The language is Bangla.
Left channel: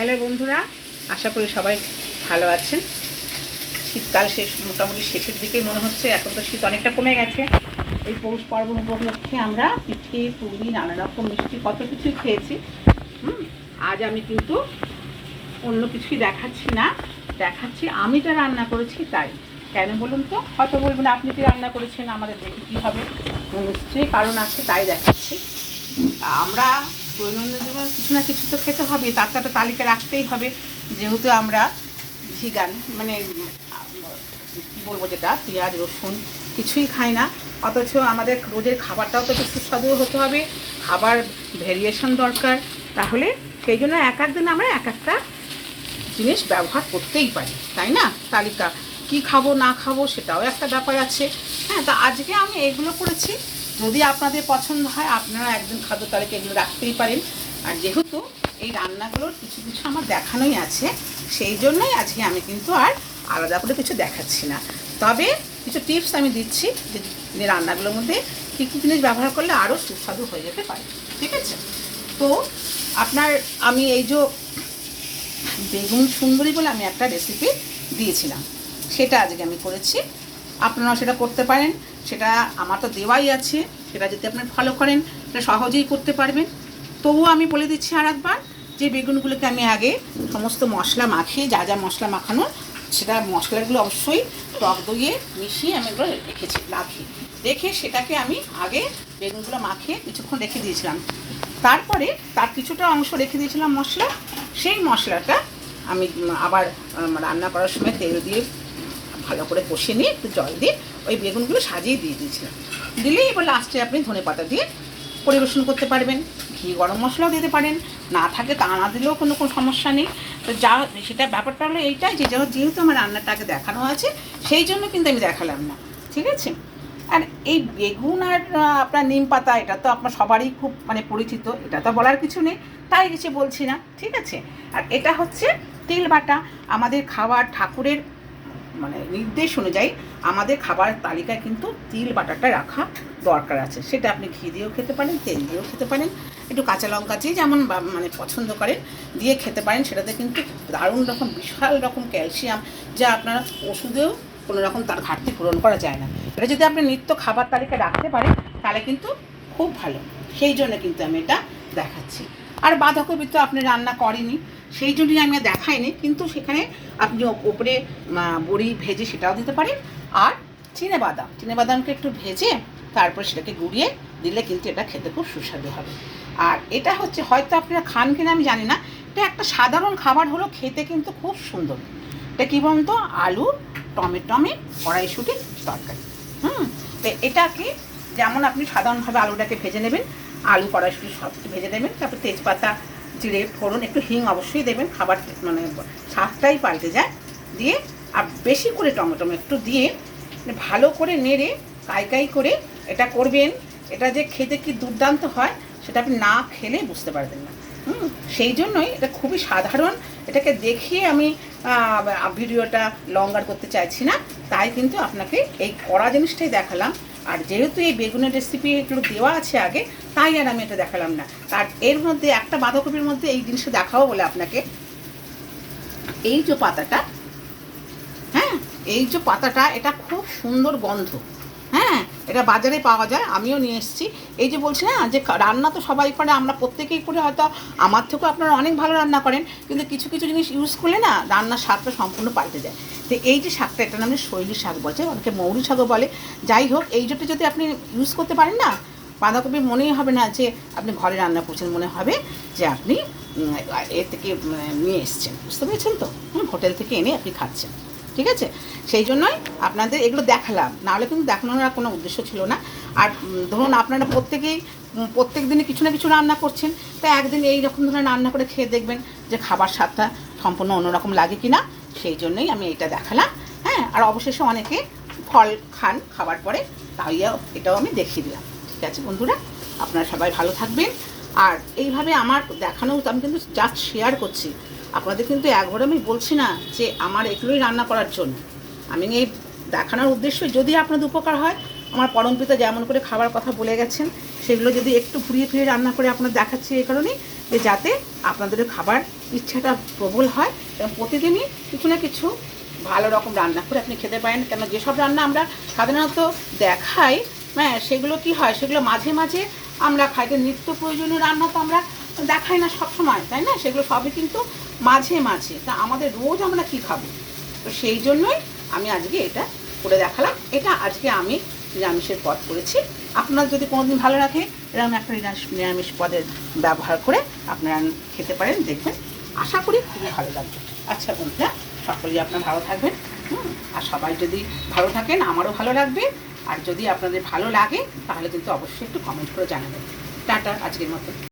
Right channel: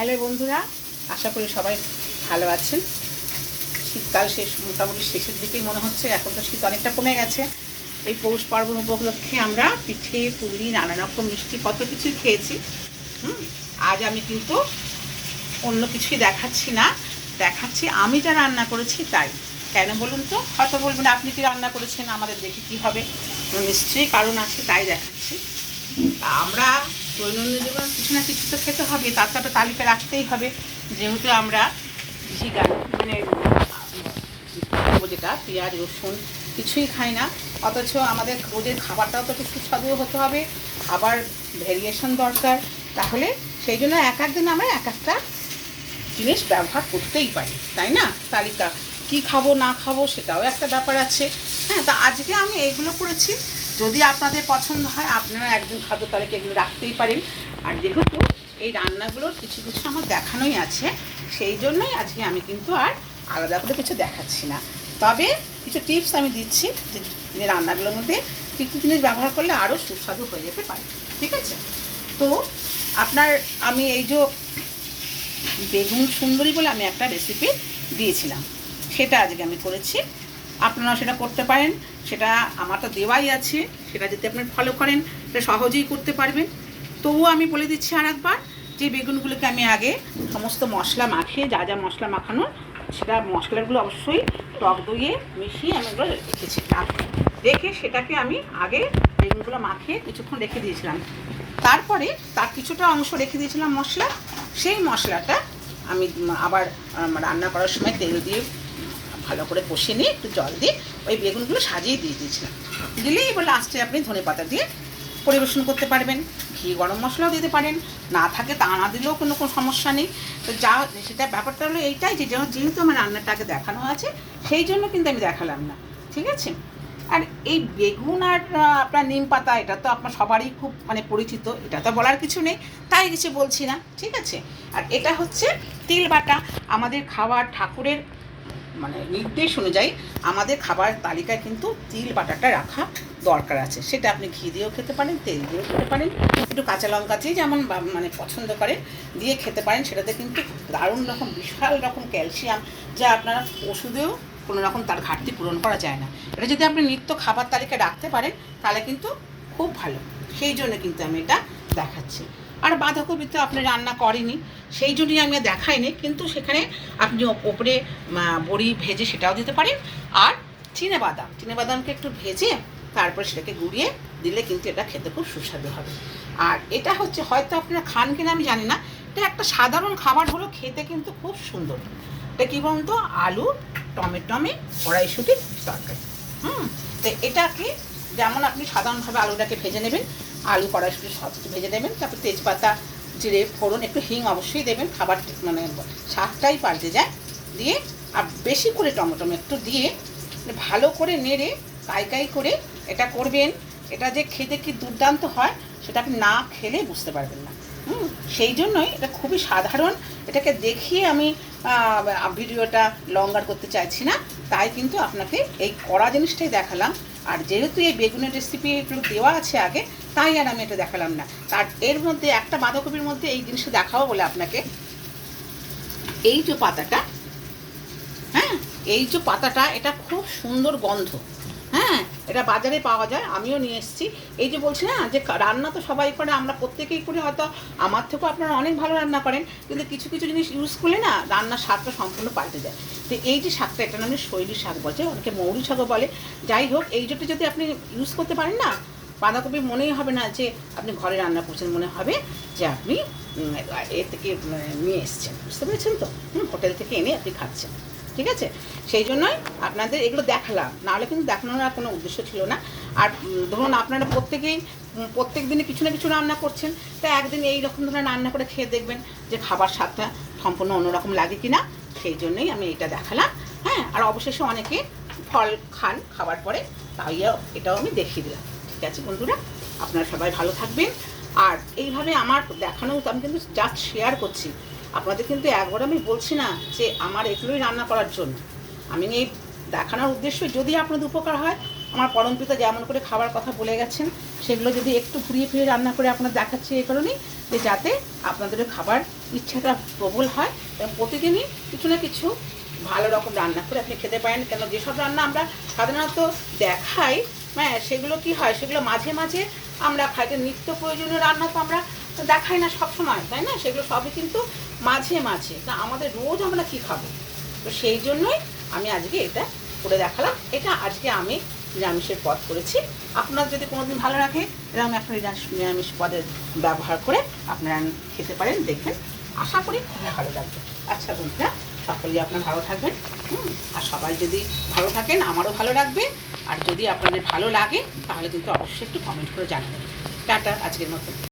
হ্যালো বন্ধুরা, আশা করি সবাই ভালো আছেন। শীতকাল শেষ, মোটামুটি শেষের দিকেই মনে হচ্ছে। এখন তো শীত অনেকটা কমে গেছে। এই পৌষ পার্বণ উপলক্ষে আমরা পিঠে পুলি নানা রকম মিষ্টি কত কিছুই খেয়েছি। আজ আমি কিন্তু অন্য কিছুই দেখাচ্ছি না, দেখাচ্ছি আমি যা রান্না করেছি তাই। কেন বলুন তো? হয়তো বলবেন আপনি কি রান্না করেছেন, আমাদের দেখে কী হবে, নিশ্চয়ই কারণ আছে, তাই দেখাচ্ছি। আমরা দৈনন্দিন জীবনে কিছু না কিছু তো খেতে হবে, তার তো একটা তালিকা রাখতেই হবে। যেহেতু আমরা ভিগান, মানে যেটা পেঁয়াজ রসুন কিছুই খাই না, অথচ আমাদের রোজের খাবারটাও তো একটু সুস্বাদু হতে হবে, খাবার ভ্যারিয়েশন দরকার। তাহলে সেই জন্য এক এক দিন আমরা এক একটা জিনিস ব্যবহার করতেই পারি, তাই না? তালিকা কি খাবো না খাবো সেটাও একটা ব্যাপার আছে। হ্যাঁ, তো আজকে আমি এইগুলো করেছি। যদি আপনাদের পছন্দ হয় আপনারা একদিন খাদ্য তালিকা এগুলো রাখতেই পারেন। আর যেহেতু এই রান্নাগুলোর কিছু কিছু আমার দেখানোই আছে, সেই জন্যই আজকে আমি কিন্তু আর আলাদা করে কিছু দেখাচ্ছি না। তবে কিছু টিপস আমি দিচ্ছি যে রান্নাগুলোর মধ্যে কী কী জিনিস ব্যবহার করলে আরও সুস্বাদু হয়ে যেতে পারে। ঠিক আছে? তো আপনার আমি এই যে বেগুন সুন্দরী বলে আমি একটা রেসিপি দিয়েছিলাম, সেটা আজকে আমি করেছি। আপনারা সেটা করতে পারেন, সেটা আমার তো দেওয়াই আছে। সেটা যদি আপনি ফলো করেন সেটা সহজেই করতে পারবেন। তবুও আমি বলে দিচ্ছি আর একবার, যে বেগুনগুলোকে আমি আগে সমস্ত মশলা মাখিয়ে, যা যা মশলা মাখানো সেটা মশলাগুলো অবশ্যই টক দইয়ে মিশিয়ে আমি এগুলো রেখেছি। রেখে সেটাকে আমি আগে বেগুনগুলো মাখিয়ে কিছুক্ষণ রেখে দিয়েছিলাম। তারপরে তার কিছুটা অংশ রেখে দিয়েছিলাম মশলা। সেই মশলাটা আমি আবার রান্না করার সময় তেল দিয়ে ভালো করে কষিয়ে নিয়ে একটু জল দিয়ে ওই বেগুনগুলো সাজিয়ে দিয়ে দিয়েছিলাম। দিলেই এবার লাস্টে আপনি ধনেপাতা দিয়ে পরিবেশন করতে পারবেন। ঘি গরম মশলাও দিতে পারেন, না থাকে তা না দিলেও কোনো সমস্যা নেই। তো যা সেটা ব্যাপারটা হলো এইটাই, যে যেহেতু আমার রান্নাটাকে দেখানো আছে সেই জন্য কিন্তু আমি দেখালাম না। ঠিক আছে? আর এই বেগুন আর আপনার নিম পাতা, এটা তো আপনার সবারই খুব পরিচিত, এটা তো বলার কিছু নেই, তাই কিছু বলছি না। ঠিক আছে? আর এটা হচ্ছে তিল বাটা। আমাদের খাবার ঠাকুরের নির্দেশ অনুযায়ী আমাদের খাবার তালিকায় কিন্তু তিল বাটাটা রাখা দরকার আছে। সেটা আপনি ঘি দিয়েও খেতে পারেন, তেল দিয়েও খেতে পারেন, একটু কাঁচা লঙ্কা দিয়ে যেমন পছন্দ করেন দিয়ে খেতে পারেন। সেটাতে কিন্তু দারুণ রকম বিশাল রকম ক্যালসিয়াম, যা আপনারা ওষুধেও কোনো রকম তার ঘাটতি পূরণ করা যায় না। এটা যদি আপনি নিত্য খাবার তালিকা রাখতে পারেন তাহলে কিন্তু খুব ভালো। সেই জন্য কিন্তু আমি এটা দেখাচ্ছি। আর বাঁধাকপি তো আপনি রান্না করেনি, সেই জন্যই আমি দেখাইনি, কিন্তু সেখানে আপনি ওপরে বড়ি ভেজে সেটাও দিতে পারেন। আর চিনেবাদামকে একটু ভেজে তারপরে সেটাকে গুঁড়িয়ে দিলে কিন্তু এটা খেতে খুব সুস্বাদু হবে। আর এটা হচ্ছে, হয়তো আপনারা খান কিনা আমি জানি না, এটা একটা সাধারণ খাবার হলো, খেতে কিন্তু খুব সুন্দর। এটা কী বলুন তো? আলু টমেটমে কড়াইশুঁটির তরকারি। তো এটাকে যেমন আপনি সাধারণভাবে আলুটাকে ভেজে নেবেন, আলু কড়াইশুঁটি সব কিছু ভেজে নেবেন, তারপরে তেজপাতা জিরে ফোড়ন একটু হিং অবশ্যই দেবেন, খাবার স্বাদটাই পাল্টে যায়। দিয়ে আর বেশি করে টমেটো একটু দিয়ে ভালো করে নেড়ে কাই করে এটা করবেন। এটা যে খেতে কি দুর্দান্ত হয় সেটা আপনি না খেলে বুঝতে পারবেন না। সেই জন্যই এটা খুবই সাধারণ। এটাকে দেখিয়ে আমি ভিডিওটা লঙ্গার করতে চাইছি না, তাই কিন্তু আপনাকে এই কড়া জিনিসটাই দেখালাম। আর যেহেতু এই বেগুনের রেসিপি এগুলো দেওয়া আছে আগে, তাই আর আমি এটা দেখালাম না। তার এর মধ্যে একটা বাঁধাকপির মধ্যে এই জিনিসটা দেখাবো বলে আপনাকে, এই যে পাতাটা, হ্যাঁ, এই যে পাতাটা, এটা খুব সুন্দর গন্ধ। হ্যাঁ, এটা বাজারে পাওয়া যায়, আমিও নিয়ে এসেছি। এই যে বলছি না যে রান্না তো সবাই করে, আমরা প্রত্যেকেই করি, হয়তো আমার থেকেও আপনারা অনেক ভালো রান্না করেন, কিন্তু কিছু কিছু জিনিস ইউজ করলে না রান্নার স্বাদটা সম্পূর্ণ পাল্টে যায়। তো এই যে শাকটা, এটা নামে শৈলী শাক বলছে, ওকে মৌরি শাকও বলে। যাই হোক, এই যেটা যদি আপনি ইউজ করতে পারেন না, বাঁধাকপি মনেই হবে না যে আপনি ঘরে রান্না করছেন, মনে হবে যে আপনি এর থেকে নিয়ে এসছেন। বুঝতে পেরেছেন তো? হোটেল থেকে এনে আপনি খাচ্ছেন। ঠিক আছে? সেই জন্যই আপনাদের এগুলো দেখালাম, নাহলে কিন্তু দেখানোর আর কোনো উদ্দেশ্য ছিল না। আর ধরুন আপনারা প্রত্যেক দিনে কিছু না কিছু রান্না করছেন, তাই একদিন এই রকম ধরনের রান্না করে খেয়ে দেখবেন যে খাবার স্বাদটা সম্পূর্ণ অন্যরকম লাগে কি না। সেই জন্যই আমি এটা দেখালাম। হ্যাঁ, আর অবশেষে অনেকে ফল খান খাবার পরে, তাই এটাও আমি দেখিয়ে দিলাম। ঠিক আছে বন্ধুরা, আপনারা সবাই ভালো থাকবেন। আর এইভাবে আমার দেখানো, আমি কিন্তু জাস্ট শেয়ার করছি আপনাদের, কিন্তু একবার আমি বলছি না যে আমার এগুলোই রান্না করার জন্য। আমি এই দেখানোর উদ্দেশ্য, যদি আপনাদের উপকার হয়, আমার পরমপিতা যেমন করে খাবার কথা বলে গেছেন সেগুলো যদি একটু ঘুরিয়ে ফিরিয়ে রান্না করে আপনার দেখাচ্ছি, এই কারণেই যে যাতে আপনাদের খাবার ইচ্ছাটা প্রবল হয় এবং প্রতিদিনই কিছু না কিছু ভালো রকম রান্না করে আপনি খেতে পারেন। কেন যেসব রান্না আমরা সাধারণত দেখাই, হ্যাঁ, সেগুলো কি হয়, সেগুলো মাঝে মাঝে আমরা খাই। নিত্য প্রয়োজনীয় রান্না তো আমরা দেখাই না সবসময়, তাই না? সেগুলো সবই কিন্তু মাঝে মাঝে। তা আমাদের রোজ আমরা কি খাবো? তো সেই জন্যই আমি আজকে এটা করে দেখালাম। এটা আজকে আমি নিরামিষের পদ করেছি। আপনার যদি কোনোদিন ভালো রাখে এরকম একটা নিরামিষ পদের ব্যবহার করে আপনারা খেতে পারেন, দেখবেন আশা করি খুবই ভালো লাগবে। আচ্ছা বন্ধুরা, সকলেই আপনারা ভালো থাকবেন, আর সবাই যদি ভালো থাকেন আমারও ভালো লাগবে। আর যদি আপনাদের ভালো লাগে তাহলে কিন্তু অবশ্যই একটু কমেন্ট করে জানাবেন। টাটা, আজকের মতো।